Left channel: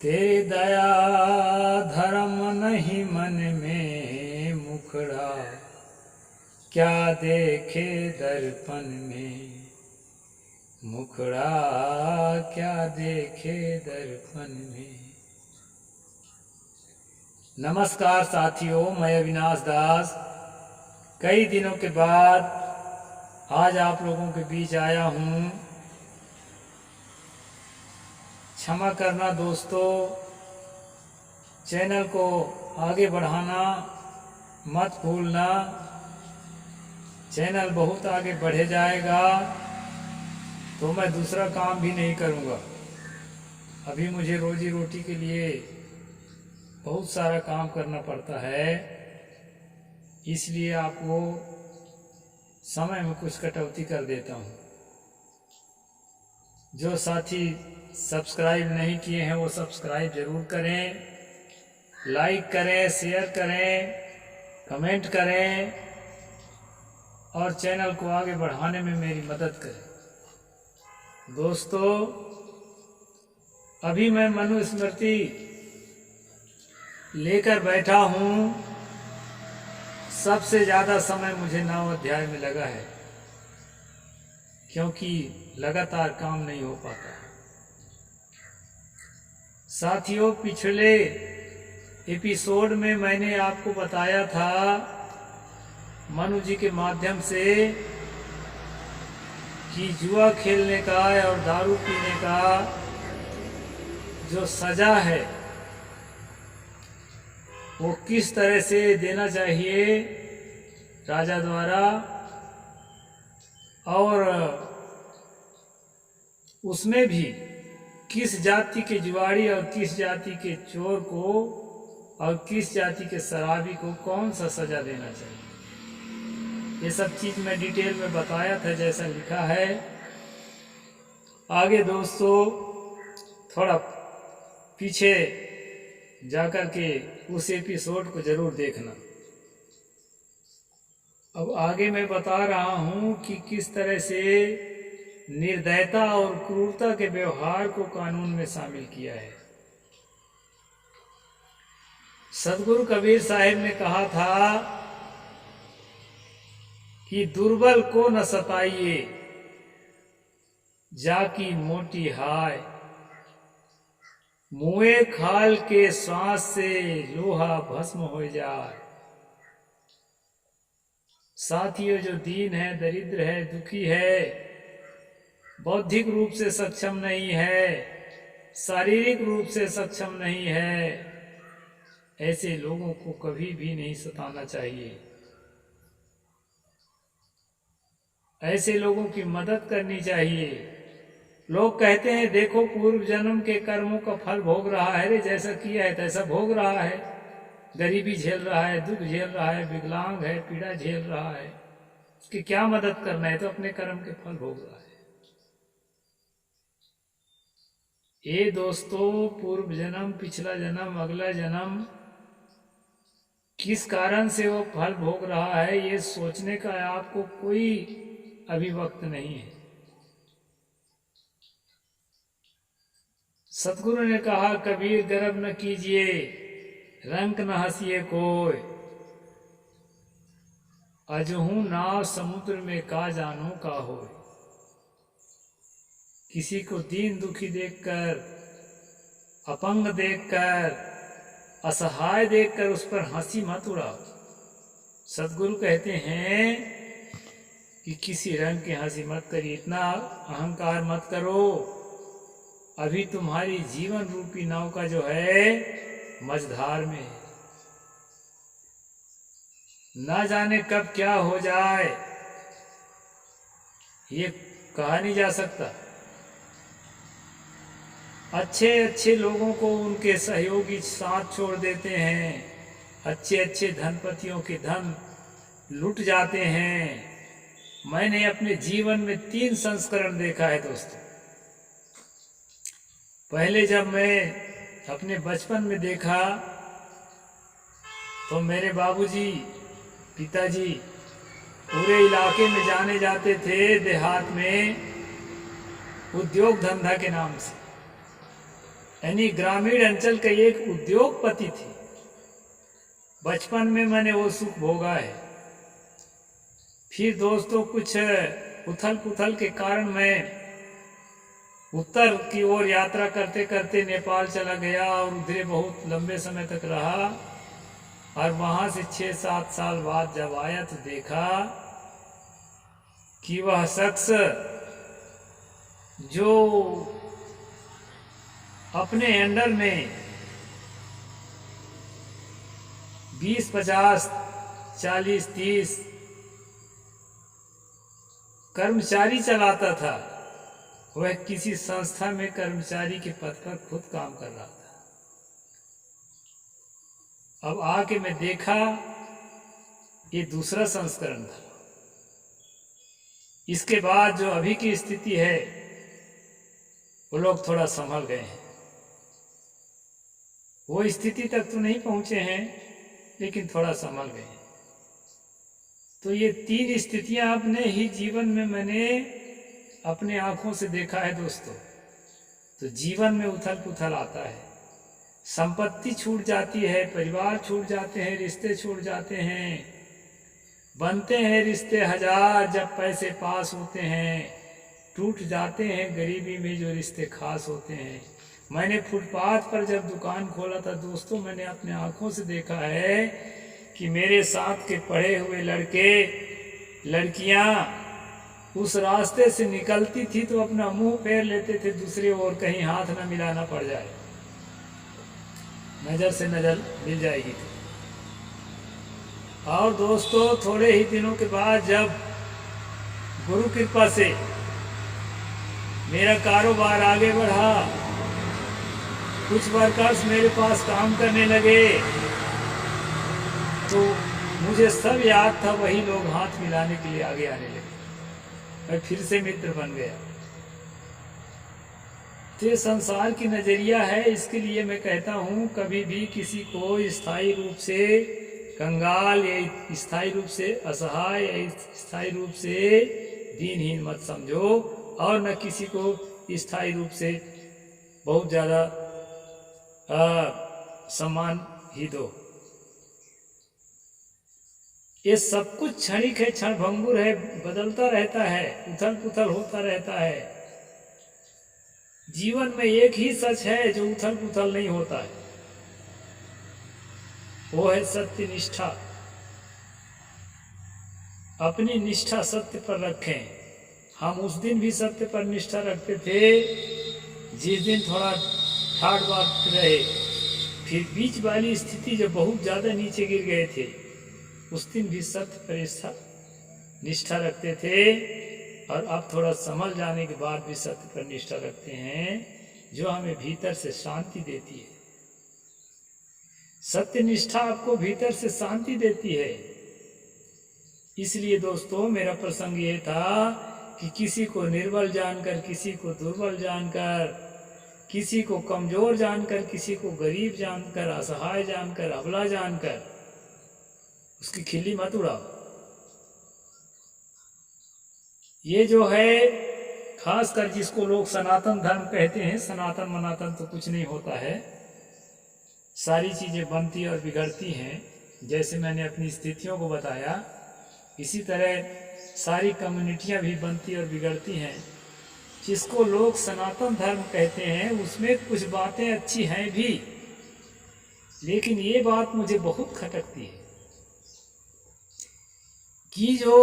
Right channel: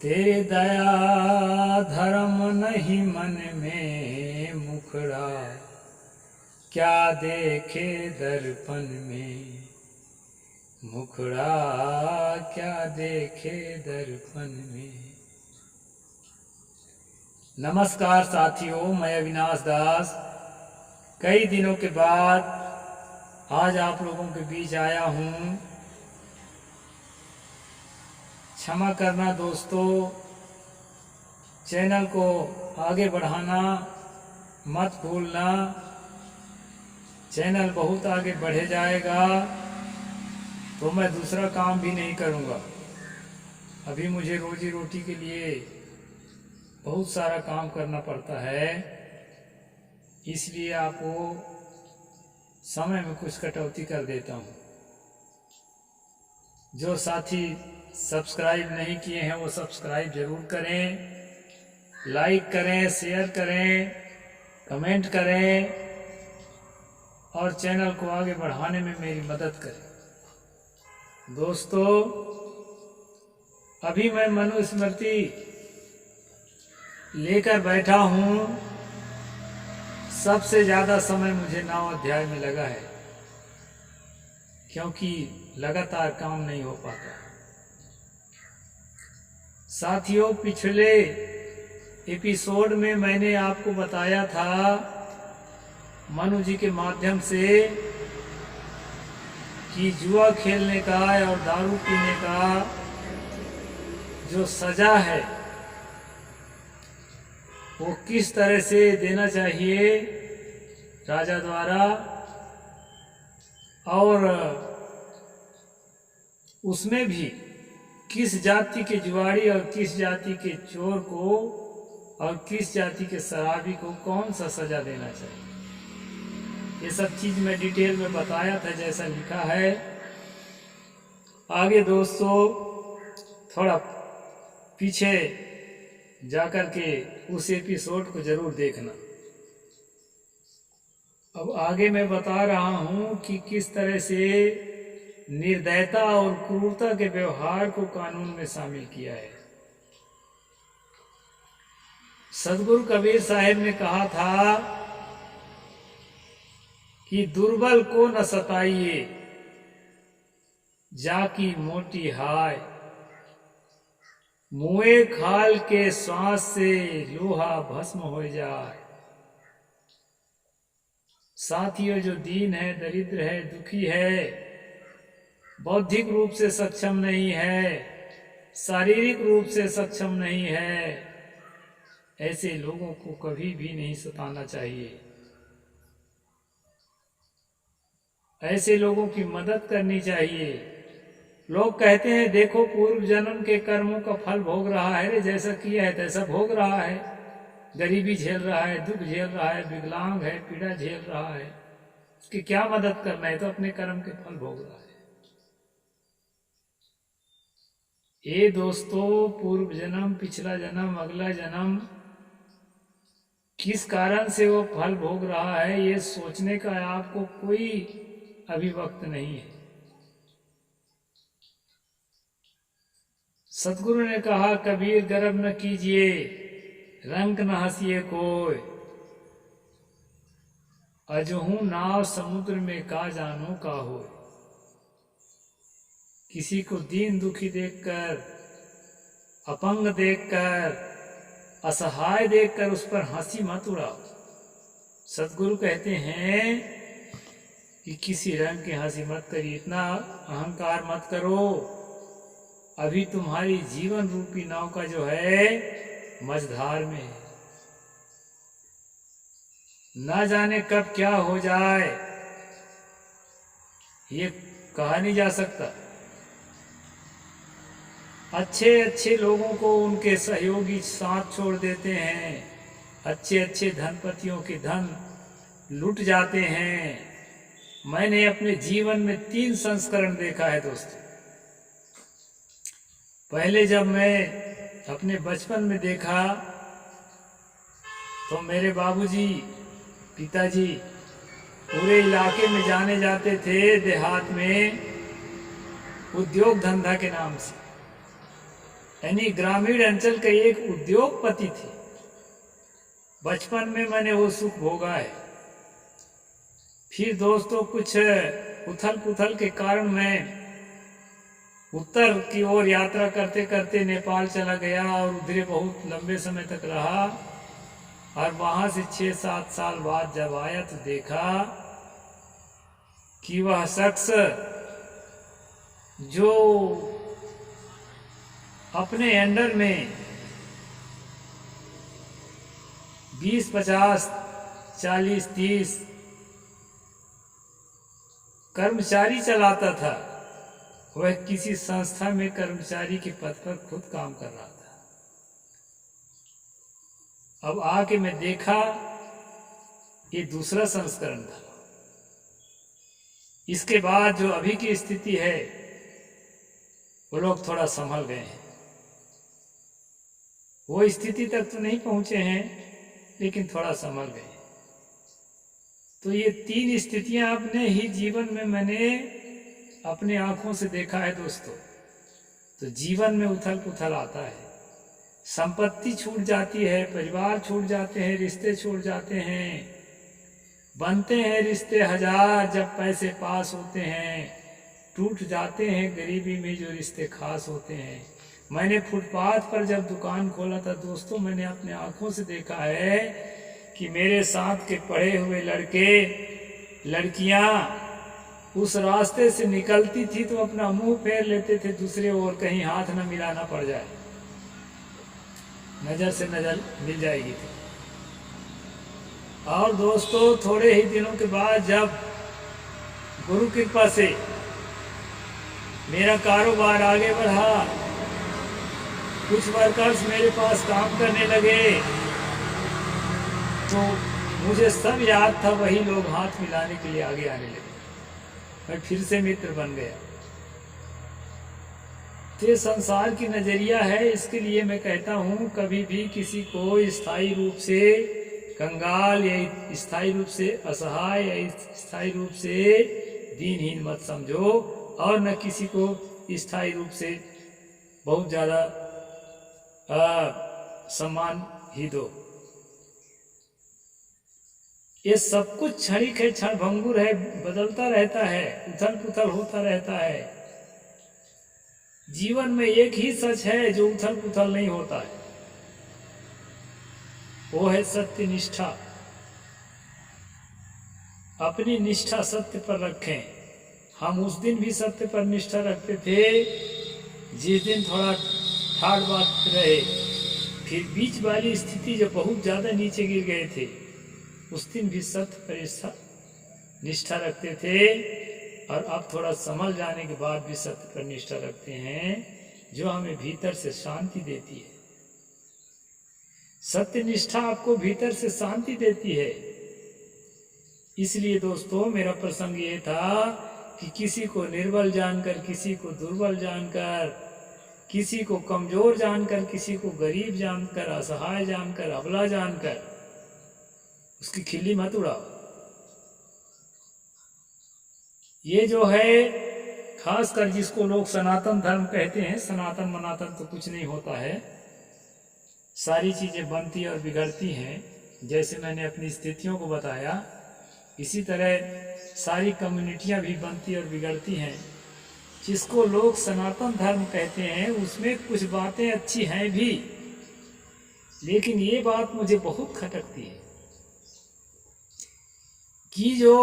तेरे दया धर्म नहीं मन में मुखड़ा, क्या देखे दर्पण में मुखड़ा, क्या देखे दर्पण में। नमस्कार साथियों, मैं अविनाश दास कई दिनों के बाद आज आप लोगों के बीच आया हूँ। क्षमा करना दोस्तों, चैनल को आगे बढ़ाना मत भूलना। चैनल बहुत आगे बढ़े जाएगा तो मैं दूसरा काम भी नहीं करूँगा। अभी मुझे रोजी रोटी के लिए बहुत सारा काम करना पड़ता है, इसलिए आपको समय में कुछ कटौती कर देता हूँ। जो साथी सब्सक्राइब नहीं किए हैं वो सब्सक्राइब ज़रूर करें, लाइक करें, शेयर करें, कमेंट करें और चैनल को आगे बढ़ाने में मेरी मदद करें। दोस्तों, अभी मैं मनुस्मृति लेकर बैठा हूँ। सबसे ज़्यादा समय मुझे 9 अध्याय में लगा है, क्योंकि लगातार काम नहीं हो पाता। साथियों, पिछले एपिसोड में मैंने आपको बताया था मनु जी के माध्यम से कि जुआ खेलने का और दारू पीने का जो सज़ा है वो किस तरह से देना चाहिए राजा द्वारा, और उसमें भी किस जाति के जुआड़ी और किस जाति के चोर को और किस जाति के शराबी को कौन सा सज़ा देना चाहिए। ये सब चीज़ मैं डिटेल में बताया था जैसा लिखा है। आगे दोस्तों थोड़ा पीछे जाकर के उस एपिसोड को ज़रूर देखना। अब आगे मैं बता रहा हूँ कि किस तरह से निर्दयता और क्रूरता के व्यवहार को कानून में शामिल किया है। सदगुरु कबीर साहिब ने कहा था कि दुर्बल को न सताइए, जाकी मोटी हाय, मुए खाल के श्वास से लोहा भस्म हो जाए। साथियों, जो दीन है, दरिद्र है, दुखी है, बौद्धिक रूप से सक्षम नहीं है, शारीरिक रूप से सक्षम नहीं है, ऐसे लोगों को कभी भी नहीं सताना चाहिए। ऐसे लोगों की मदद करनी चाहिए। लोग कहते हैं देखो पूर्व जन्म के कर्मों का फल भोग रहा है रे, जैसा किया है तैसा भोग रहा है, गरीबी झेल रहा है, दुख झेल रहा है, विकलांग है, पीड़ा झेल रहा है, उसकी क्या मदद करना है, तो अपने कर्म के फल भोग रहा है। ये दोस्तों, पूर्व जन्म, पिछला जन्म, अगला जन्म किस कारण से वो फल भोग रहा है, ये सोचने का आपको कोई अभी वक्त नहीं है। सतगुरु ने कहा, कबीर गर्व न कीजिए, रंग न हंसिए कोय, अजहू नाव समुद्र में का जानो का होय। किसी को दीन दुखी देखकर, अपंग देखकर, असहाय देखकर उस पर हंसी मत उड़ाओ। सतगुरु कहते हैं कि किसी रंग की हंसी मत करिए, इतना अहंकार मत करो। अभी तुम्हारी जीवन रूपी नाव का जो है मझधार में है, ना जाने कब क्या हो जाए, ये कहा नहीं जा सकता। अच्छे अच्छे लोगों को उनके सहयोगी साथ छोड़ देते हैं, अच्छे अच्छे धनपतियों के धन लुट जाते हैं। मैंने अपने जीवन में 3 संस्करण देखा है दोस्तों। पहले जब मैं अपने बचपन में देखा तो मेरे बाबूजी, पिताजी पूरे इलाके में जाने जाते थे, देहात में उद्योग धंधा के नाम से। यानी ग्रामीण अंचल का एक उद्योगपति थे। बचपन में मैंने वो सुख भोगा है। फिर दोस्तों कुछ उथल पुथल के कारण मैं उत्तर की ओर यात्रा करते करते नेपाल चला गया और उधर बहुत लंबे समय तक रहा। और वहाँ से 6-7 साल बाद जब आया तो देखा कि वह शख्स जो अपने अंडर में 20, 50, 40, 30 कर्मचारी चलाता था, वह किसी संस्था में कर्मचारी के पद पर खुद काम कर रहा था। अब आके मैं देखा ये दूसरा संस्करण था। इसके बाद जो अभी की स्थिति है वो लोग थोड़ा संभल गए हैं। वो स्थिति तक तो नहीं पहुंचे हैं लेकिन थोड़ा संभल गए हैं। तो ये 3 स्थितियां अपने ही जीवन में मैंने अपने आंखों से देखा है दोस्तों। तो जीवन में उथल पुथल आता है, संपत्ति छूट जाती है, परिवार छूट जाते हैं, रिश्ते छूट जाते हैं, बनते हैं रिश्ते 1000, जब पैसे पास होते हैं टूट जाते हैं गरीबी में जो रिश्ते खास होते हैं। मैंने फुटपाथ पर जब दुकान खोला था दोस्तों, मैंने अपने आंखों से देखा है कि मेरे साथ के पढ़े हुए लड़के लड़कियां उस रास्ते से निकलती थी तो अपना मुंह फेर लेते थे दूसरे ओर, कहीं हाथ न मिलाना पड़ जाए, नज़र से नज़र मिल जाएगी थी। और दोस्तों थोड़े ही दिनों के बाद जब गुरु कृपा से मेरा कारोबार आगे बढ़ा, कुछ वर्कर्स मेरे पास काम करने लगे, तो मुझे सब याद था, वही लोग हाथ मिलाने के लिए आगे आने लगे। मैं फिर से मित्र बन गया। तो ये संसार की नज़रिया है। इसके लिए मैं कहता हूँ कभी भी किसी को स्थायी रूप से कंगाल या स्थायी रूप से असहाय या स्थायी रूप से दीनहीन मत समझो, और न किसी को स्थायी रूप से बहुत ज़्यादा सम्मान ही दो। ये सब कुछ क्षणिक है, क्षणभंगुर है, बदलता रहता है, उथल पुथल होता रहता है। जीवन में एक ही सच है जो उथल पुथल नहीं होता है, वो है सत्य निष्ठा। अपनी निष्ठा सत्य पर रखें। हम उस दिन भी सत्य पर निष्ठा रखते थे जिस दिन थोड़ा ठाड़ बात रहे। फिर बीच वाली स्थिति जब बहुत ज़्यादा नीचे गिर गए थे, उस दिन भी सत्य पर निष्ठा रखते थे, और अब थोड़ा संभल जाने के बाद भी सत्य पर निष्ठा रखते हैं, जो हमें भीतर से शांति देती है। सत्य निष्ठा आपको भीतर से शांति देती है। इसलिए दोस्तों मेरा प्रसंग ये था कि किसी को निर्बल जानकर, किसी को दुर्बल जानकर, किसी को कमजोर जानकर, किसी को गरीब जानकर, असहाय जानकर, अबला जानकर उसकी खिल्ली मत उड़ाओ। ये जो है खासकर जिसको लोग सनातन धर्म कहते हैं, सनातन मनातन तो कुछ नहीं होता है, सारी चीज़ें बनती और बिगड़ती हैं। जैसे मैंने अपनी स्थितियों को बताया, इसी तरह सारी कम्युनिटियाँ भी बनती और बिगड़ती हैं। जिसको लोग सनातन धर्म कहते हैं उसमें कुछ बातें अच्छी हैं भी, लेकिन ये बात मुझे बहुत खटकती है कि जो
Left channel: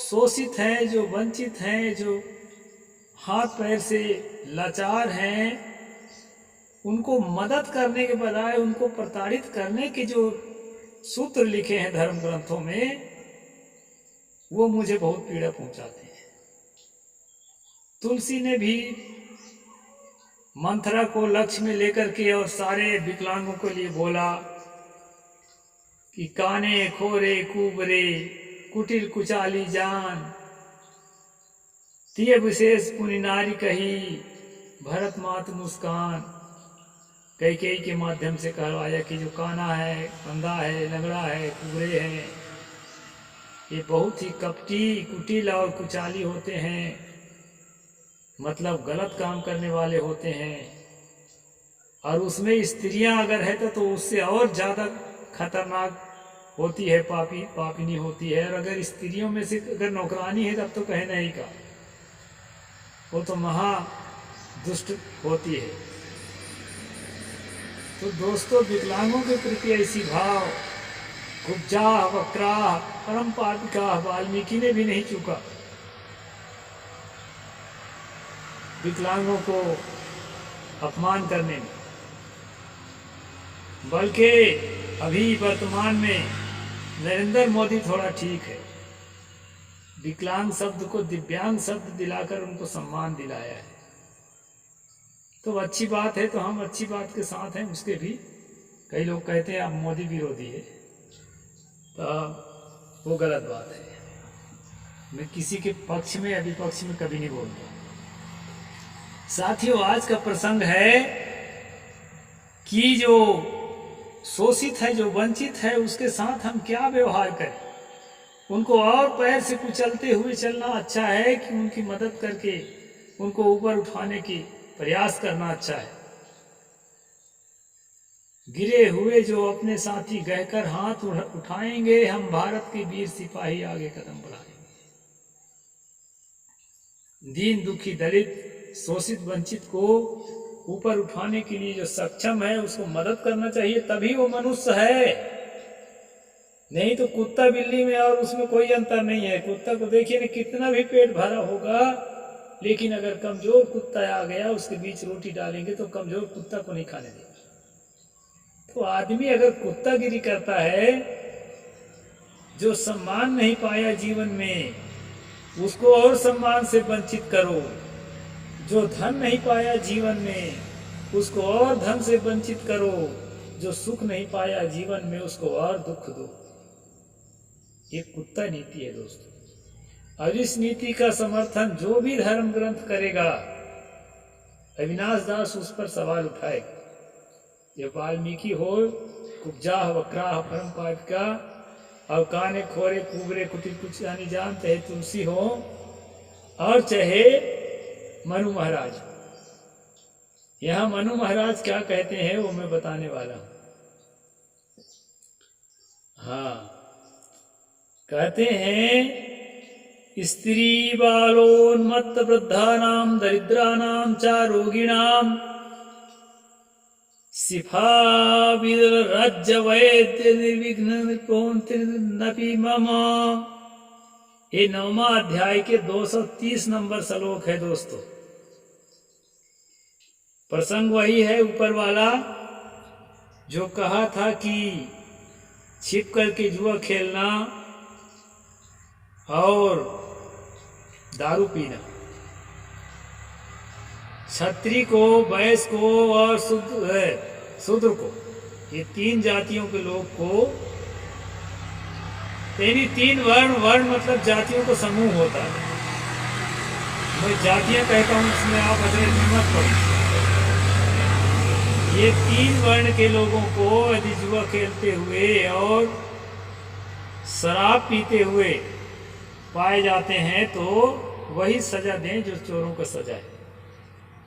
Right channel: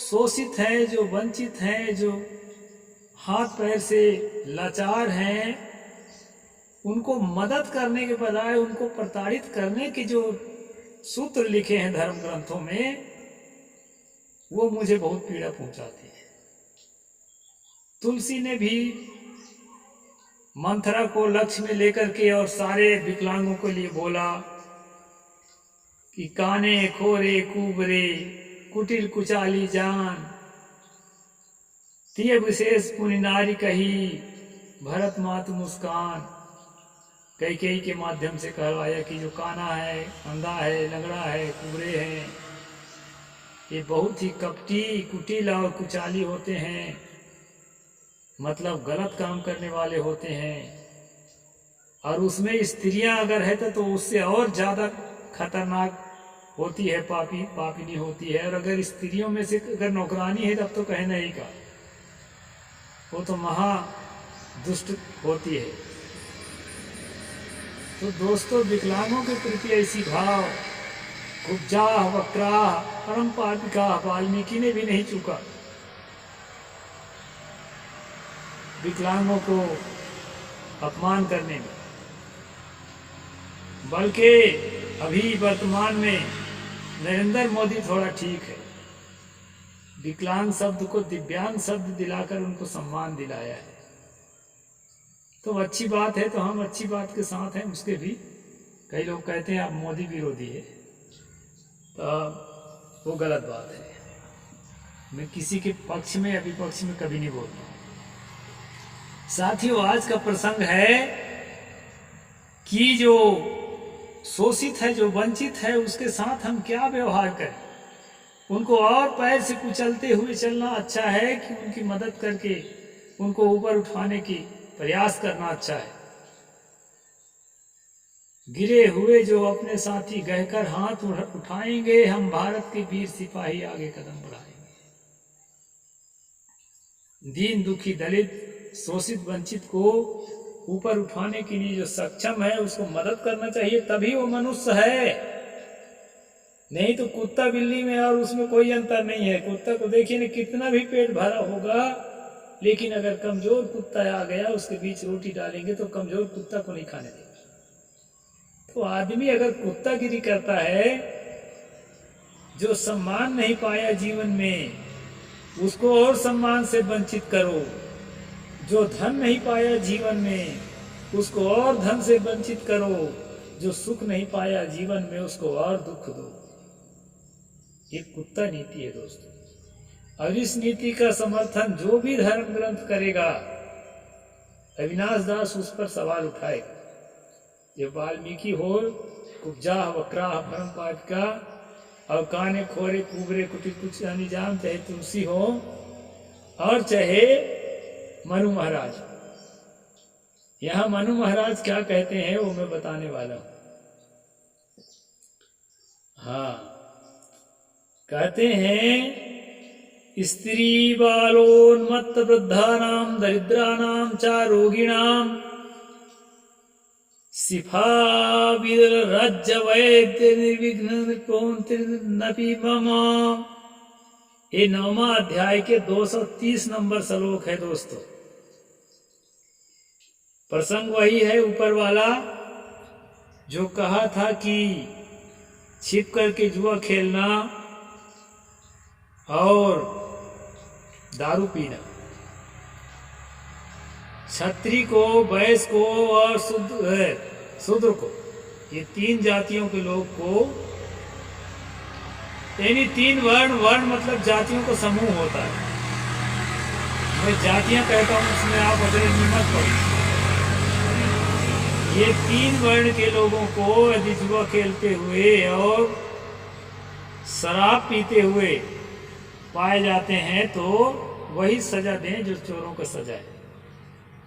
शोषित हैं, जो वंचित हैं, जो हाथ पैर से लाचार हैं, उनको मदद करने के बजाय उनको प्रताड़ित करने के जो सूत्र लिखे हैं धर्म ग्रंथों में, वो मुझे बहुत पीड़ा पहुंचाते हैं। तुलसी ने भी मंथरा को लक्ष्य में लेकर के और सारे विकलांगों के लिए बोला कि काने खोरे कुबरे कुटिल कुचाली जान, तिय विशेष पुनि नारी कही भरत मात मुस्कान। कैकेयी के माध्यम से कहलवाया कि जो काना है, अंधा है, लंगड़ा है, कुबरे हैं, ये बहुत ही कपटी, कुटिल और कुचाली होते हैं, मतलब गलत काम करने वाले होते हैं। और उसमें स्त्रियां अगर है तो उससे और ज़्यादा खतरनाक होती है, पापिनी होती है। और अगर स्त्रियों में से अगर नौकरानी है तब तो कहना ही का, वो तो महा दुष्ट होती है। तो दोस्तों, विकलांगों के प्रति ऐसी भाव, कुब्जाह वक्राह परम पापिका, वाल्मीकि ने भी नहीं चूका विकलांगों को अपमान करने में। बल्कि अभी वर्तमान में नरेंद्र मोदी थोड़ा ठीक है, विकलांग शब्द को दिव्यांग शब्द दिलाकर उनको सम्मान दिलाया है। तो अच्छी बात है, तो हम अच्छी बात के साथ हैं उसके भी। कई लोग कहते हैं आप मोदी विरोधी है, तो वो गलत बात है। मैं किसी के पक्ष में या विपक्ष में कभी नहीं बोलता। साथियों, आज का प्रसंग है कि जो शोषित है, जो वंचित है, उसके साथ हम क्या व्यवहार करें। उनको और पैर से कुचलते हुए चलना अच्छा है कि उनकी मदद करके उनको ऊपर उठाने की प्रयास करना अच्छा है। गिरे हुए जो अपने साथी गहकर हाथ उठाएंगे, हम भारत के वीर सिपाही आगे कदम बढ़ाएंगे। दीन दुखी दलित शोषित वंचित को ऊपर उठाने के लिए जो सक्षम है उसको मदद करना चाहिए, तभी वो मनुष्य है। नहीं तो कुत्ता बिल्ली में और उसमें कोई अंतर नहीं है। कुत्ता को देखिए ना, कितना भी पेट भरा होगा, लेकिन अगर कमजोर कुत्ता आ गया उसके बीच रोटी डालेंगे तो कमजोर कुत्ता को नहीं खाने देगा। तो आदमी अगर कुत्तागिरी करता है, जो सम्मान नहीं पाया जीवन में उसको और सम्मान से वंचित करो, जो धन नहीं पाया जीवन में उसको और धन से वंचित करो, जो सुख नहीं पाया जीवन में उसको और दुख दो। ये कुत्ता नीति है दोस्तों। और इस नीति का समर्थन जो भी धर्म ग्रंथ करेगा, अविनाश दास उस पर सवाल उठाएगा। ये वाल्मीकि हो, कुब्जाह वक्राह परम पापिका, और काने खोरे कुबरे कुटिर कुछ यानी जानते है तुलसी हो, और चाहे मनु महाराज। यहां मनु महाराज क्या कहते हैं वो मैं बताने वाला हूं। हाँ, कहते हैं स्त्री बालोन्मत्त वृद्धानां दरिद्राणां च रोगिणां सिफा राज्य वैद्य निर्विघ्न नृपोन्ति मम। ये 9वां अध्याय के 230 नंबर श्लोक है दोस्तों। प्रसंग वही है ऊपर वाला जो कहा था कि छिप करके जुआ खेलना और दारू पीना, क्षत्रिय को, वैश्य को और शूद्र को, ये 3 जातियों के लोग को, यानी 3 वर्ण मतलब जातियों का समूह होता है। मैं जातियां कहता हूं, इसमें आप अजरज में मत पड़ो। ये 3 वर्ण के लोगों को यदि जुआ खेलते हुए और शराब पीते हुए पाए जाते हैं तो वही सजा दें जो चोरों को सजा है।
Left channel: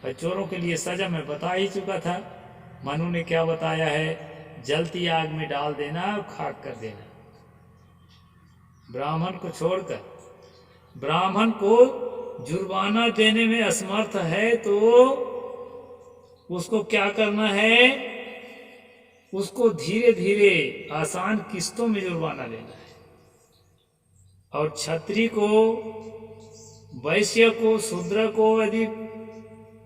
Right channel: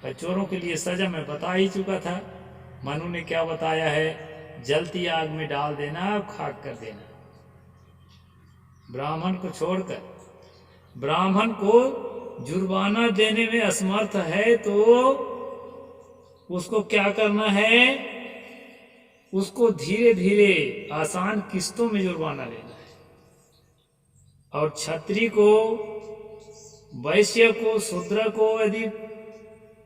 और चोरों के लिए सजा मैं बता ही चुका था। मनु ने क्या बताया है? जलती आग में डाल देना और खाक कर देना। ब्राह्मण को छोड़कर, ब्राह्मण को जुर्माना देने में असमर्थ है तो उसको क्या करना है? उसको धीरे धीरे आसान किस्तों में जुर्माना लेना है। और क्षत्रिय को, वैश्य को, शूद्र को यदि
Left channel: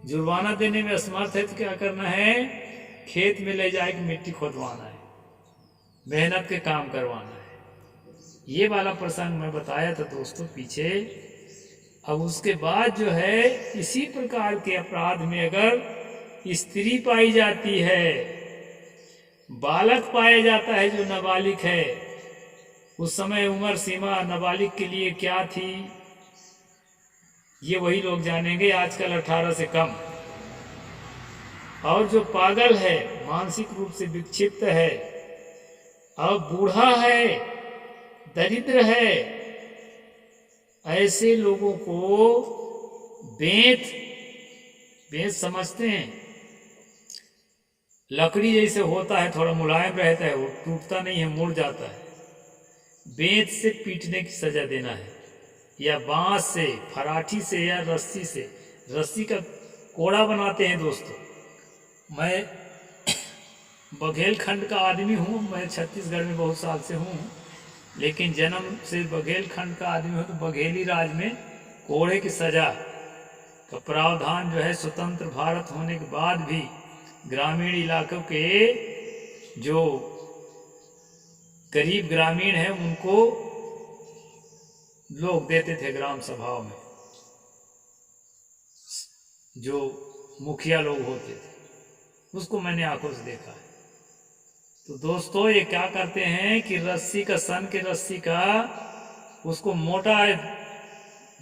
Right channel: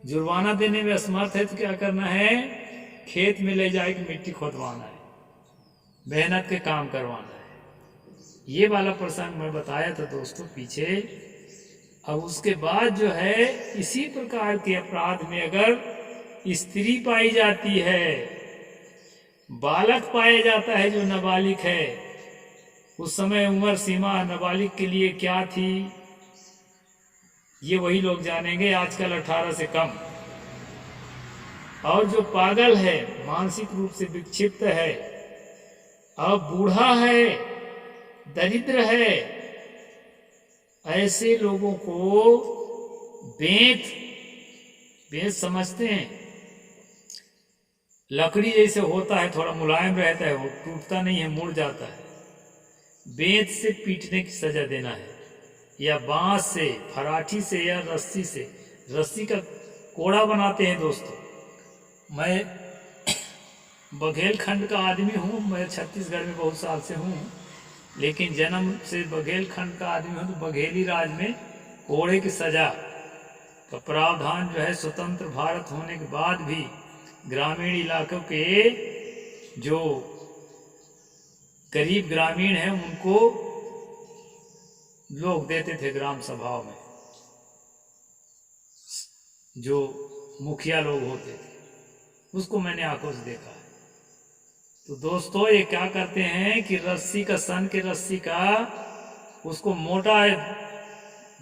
जुर्माना देने में असमर्थ है तो क्या करना है? खेत में ले जाके मिट्टी खोदवाना है, मेहनत के काम करवाना है। ये वाला प्रसंग मैं बताया था दोस्तों पीछे। अब उसके बाद जो है, इसी प्रकार के अपराध में अगर स्त्री पाई जाती है, बालक पाया जाता है जो नाबालिग है, उस समय उम्र सीमा नाबालिग के लिए क्या थी ये वही लोग जानेंगे, आजकल 18 से कम। और जो पागल है, मानसिक रूप से विक्षिप्त है, और बूढ़ा है, दरिद्र है, ऐसे लोगों को बेंत समझते हैं, लकड़ी जैसे होता है, थोड़ा मुलायम रहता है, वो टूटता नहीं है, मुड़ जाता है। बेंत से पीटने की सजा देना है, या बांस से, फराठी से, या रस्सी से। रस्सी का कोड़ा बनाते हैं दोस्तों। मैं बघेलखंड का आदमी हूँ, मैं छत्तीसगढ़ में बहुत साल से हूँ, लेकिन जन्म से बघेलखंड का आदमी हूँ। तो बघेली राज में कोड़े की सजा का प्रावधान जो है स्वतंत्र भारत होने के बाद भी ग्रामीण इलाकों के जो गरीब ग्रामीण हैं उनको लोग देते थे ग्राम सभाओं में, जो मुखिया लोग होते थे। उसको मैंने आंखों से देखा है। तो दोस्तों ये क्या करते हैं कि रस्सी का, सन के रस्सी का, उसको मोटा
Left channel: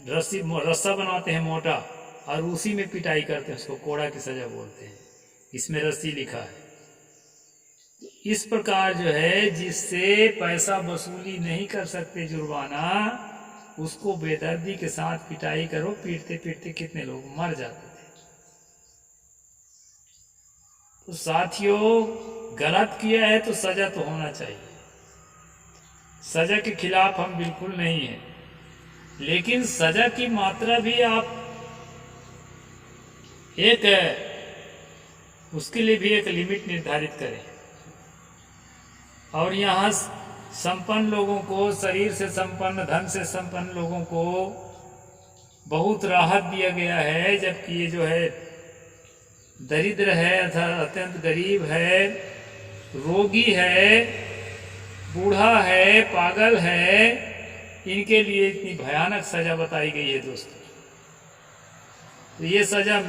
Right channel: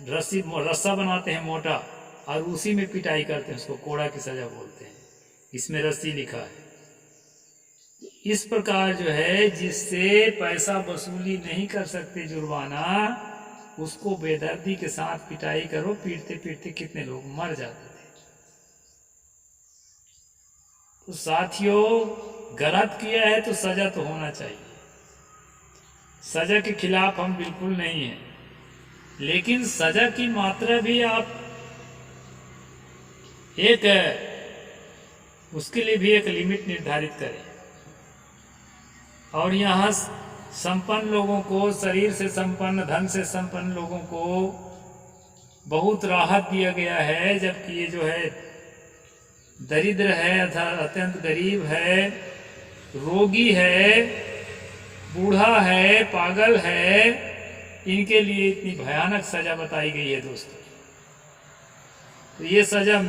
रस्सी रस्सा बनाते हैं मोटा, और उसी में पिटाई करते हैं, उसको कोड़ा की सजा बोलते हैं। इसमें रस्सी लिखा है। इस प्रकार जो है, जिससे पैसा वसूली नहीं कर सकते जुर्माना, उसको बेदर्दी के साथ पिटाई करो। पीटते पीटते कितने लोग मर जाते थे। तो साथियों, गलत किया है तो सजा तो होना चाहिए। सजा के खिलाफ हम बिल्कुल नहीं हैं, लेकिन सजा की मात्रा भी आप उसके लिए भी एक लिमिट निर्धारित करें। और यहाँ संपन्न लोगों को, शरीर से संपन्न, धन से संपन्न लोगों को बहुत राहत दिया गया है, जबकि ये जो है दरिद्र है, अर्थात अत्यंत गरीब है, रोगी है, बूढ़ा है, पागल है, इनके लिए इतनी भयानक सजा बताई गई है दोस्तों। तो ये सजा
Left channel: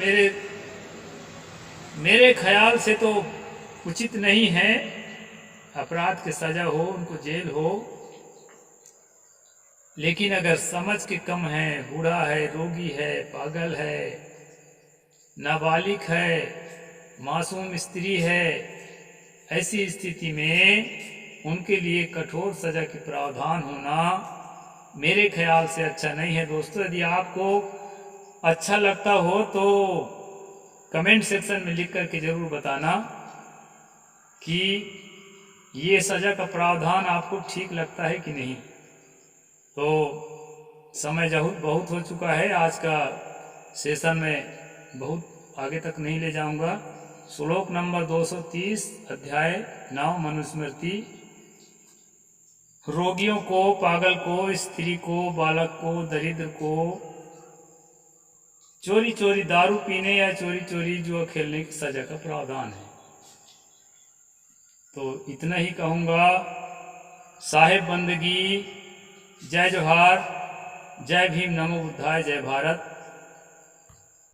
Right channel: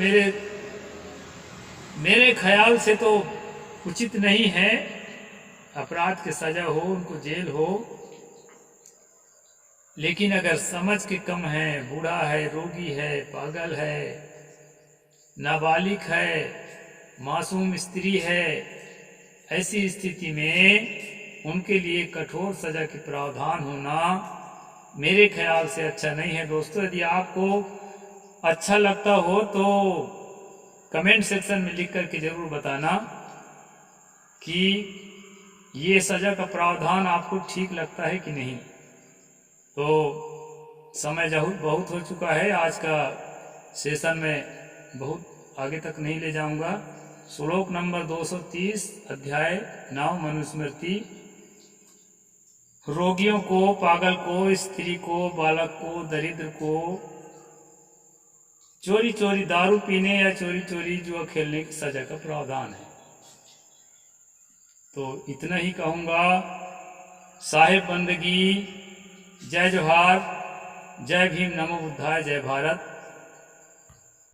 मेरे ख्याल से तो उचित नहीं है। अपराध की सजा हो, उनको जेल हो, लेकिन अगर समझ के कम है, बूढ़ा है, रोगी है, पागल है, नाबालिग है, मासूम स्त्री है, ऐसी स्थिति में उनके लिए कठोर सजा के प्रावधान होना मेरे ख्याल से अच्छा नहीं है दोस्तों। यदि आपको अच्छा लगता हो तो कमेंट सेक्शन में लिख करके जरूर बताना कि ये सजा का प्रावधान आपको ठीक लगता है कि नहीं। तो समय बहुत हो चुका है, आज का सेशन में बहुत आगे तक नहीं ले जाऊंगा। श्लोक नंबर 230, अध्याय 9, मनुस्मृति। रोगियों को, पागल को, स्त्री को, बालक को, दरिद्र को चोरी चोरी दारू पीने या चोरी चोरी जुआ खेलने की सजा का प्रावधान है। तो इतना ही कहूँगा। साहिब बंदगी, जय जोहार, जय भीम, नमो बुद्धाय, जय भारत।